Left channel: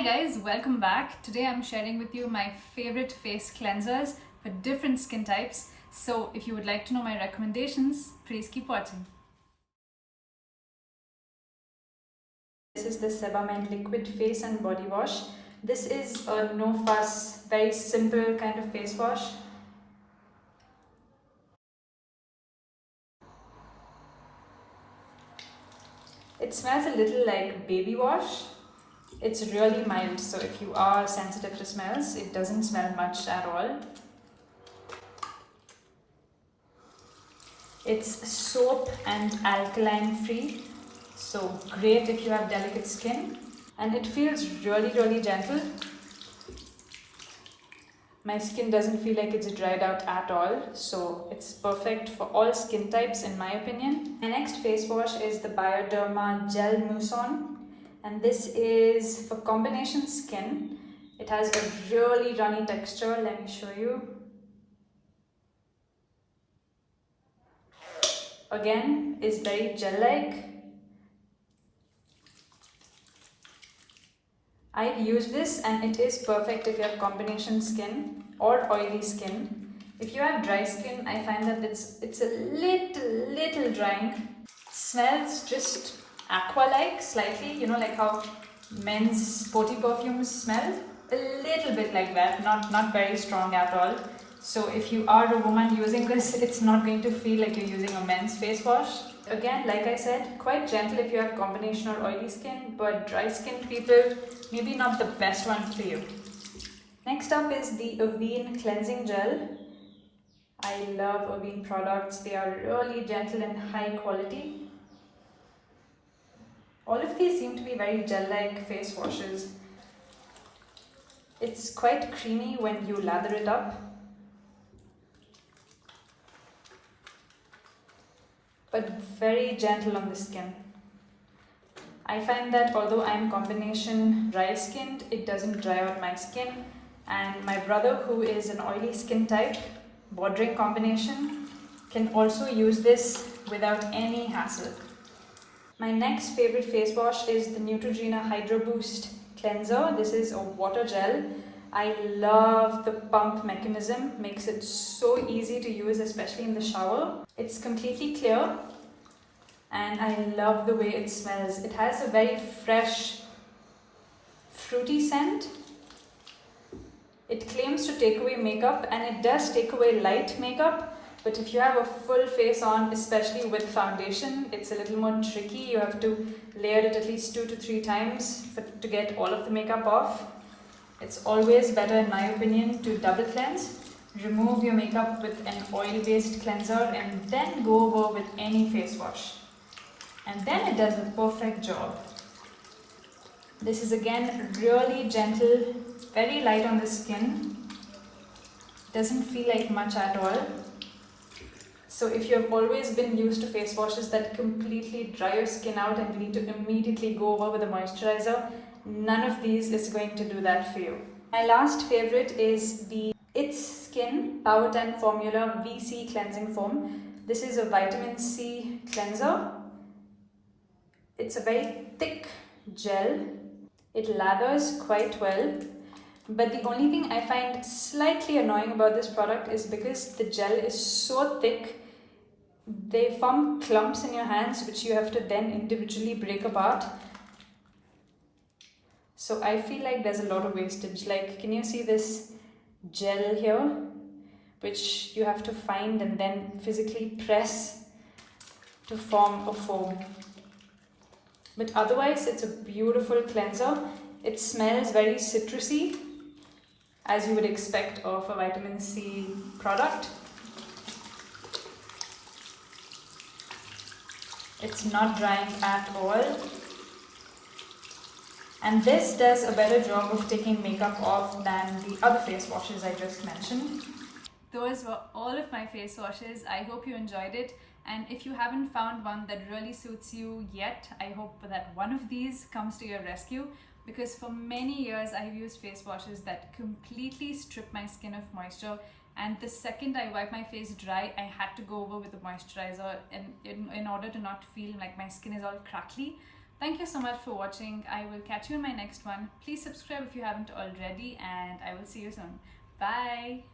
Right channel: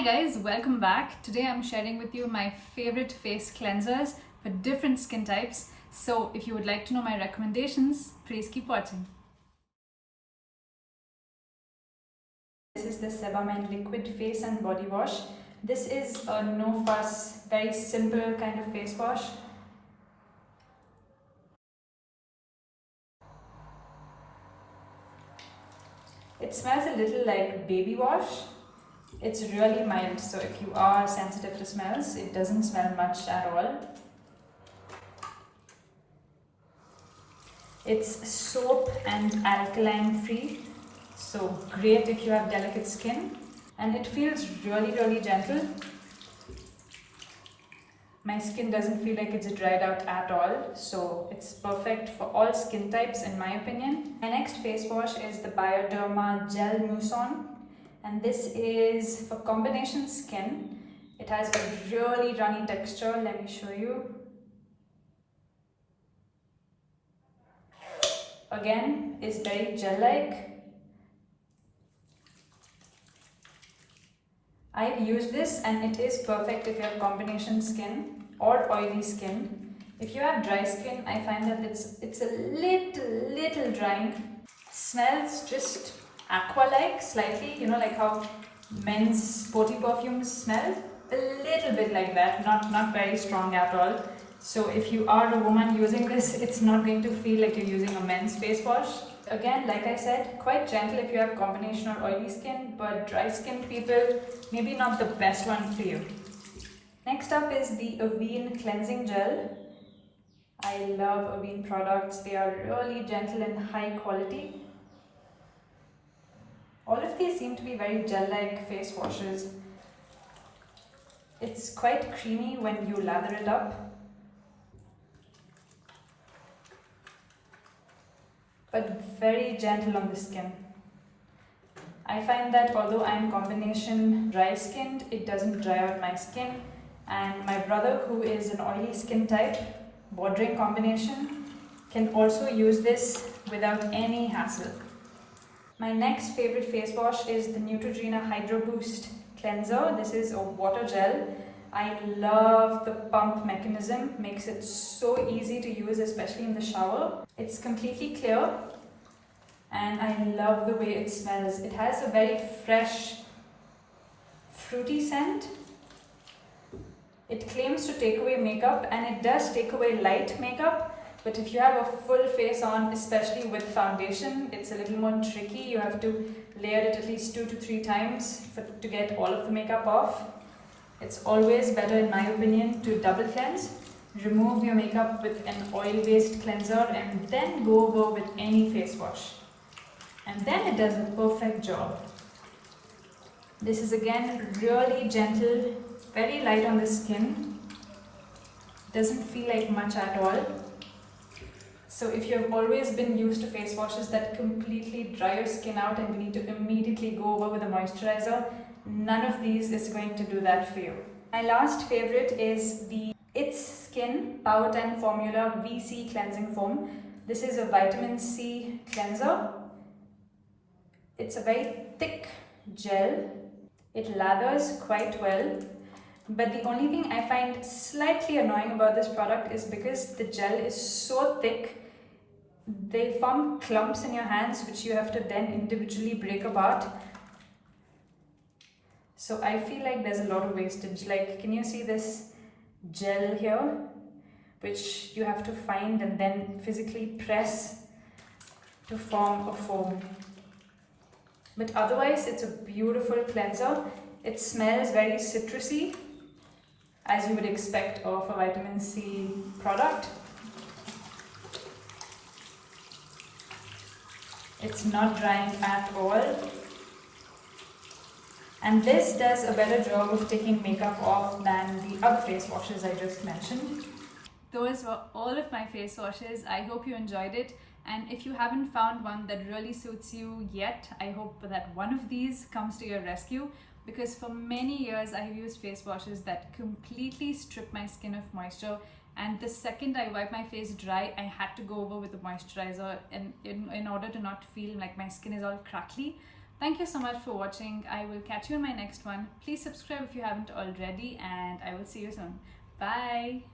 Hi guys, welcome back. Today I'm sharing with you my favorite face cleansers for different skin types. So if you would like to know my recommendations, please keep watching. This is the Sebamed liquid face and body wash. This is a no fuss, very simple kind of face wash. It smells a little like baby wash. It's really mild, so if you are sensitive to smells, it doesn't smell much at all. It's soap and alkaline free, so great if you have delicate skin. And it feels really gentle. My skin doesn't feel like it's dried out at all, so it's perfect for all skin types in my opinion. My next face wash is the Bioderma Gel Moussant, and this is for combination skin. It has a really runny texture. Let me show you. Again, is very gel-like. I've used this and it is perfect if you have combination skin or oily skin. If you have dry skin, I find that it's a little drying. Smells just aqua-like slightly, you know, like how men's sporty perfumes smell. A little bit like that, not very strong at all. So if you are a woman using this, it's not going to feel like you're using a men's face wash. Again, like I said, quite gentle if you have combination or oily skin, but dry skin people, maybe not the best one for you. Next up is the Avene cleansing gel. I love Avene products. They are really gentle and high quality. All of these seem to be very gel-like face washes. It's quite creamy when you lather it up, but very gentle on the skin. I find that although I'm combination dry skinned, it doesn't dry out my skin. And my brother, who is an oily skin type, bordering combination, can also use this without any hassle. My next favorite face wash is the Neutrogena Hydro Boost cleanser. This is a water gel. I love the pump mechanism, makes it so easy to use, especially in the shower. It's completely clear and I love the way it smells. It has a very fresh, fruity scent. It claims to take away makeup and it does take away light makeup, but if you have a full face on, especially with foundation, it's a little more tricky. You have to layer it at least 2 to 3 times to get all of the makeup off. It's always better, in my opinion, to double cleanse. Remove your makeup with an oil-based cleanser and then go over with any face wash. And then it does a perfect job. This is again really gentle, very light on the skin. Doesn't feel like much at all. So if you have always been used to face washes that completely dry your skin out and you need to immediately go over with a moisturizer, none of these is going to do that for you. My last favorite is the It's Skin Power 10 Formula VC Cleansing Foam. This is a vitamin C cleanser. It's a very thick gel. It lathers quite well. But the only thing I find slightly annoying about this product is because the gel is so thick, they form clumps in your hands which you have to then individually break apart. So I feel like there's a lot of wastage. Like, can you see this gel here, which you have to find and then physically press to form a foam. But otherwise, it's a beautiful cleanser. It smells very citrusy, as you would expect of a vitamin C product. It's not drying at all. And this does a better job of taking makeup off than the other face washes I just mentioned. Those were all of my face washes. I hope you enjoyed it. And if you haven't found one that really suits you yet, I hope that one of these comes to your rescue. Because for many years I have used face washes that completely strip my skin of moisture, and the second I wipe my face dry, I had to go over with a moisturizer in order to not feel like my skin is all crackly. Thank you so much for watching. I will catch you in my next one. Please subscribe if you haven't already, and I will see you soon. Bye.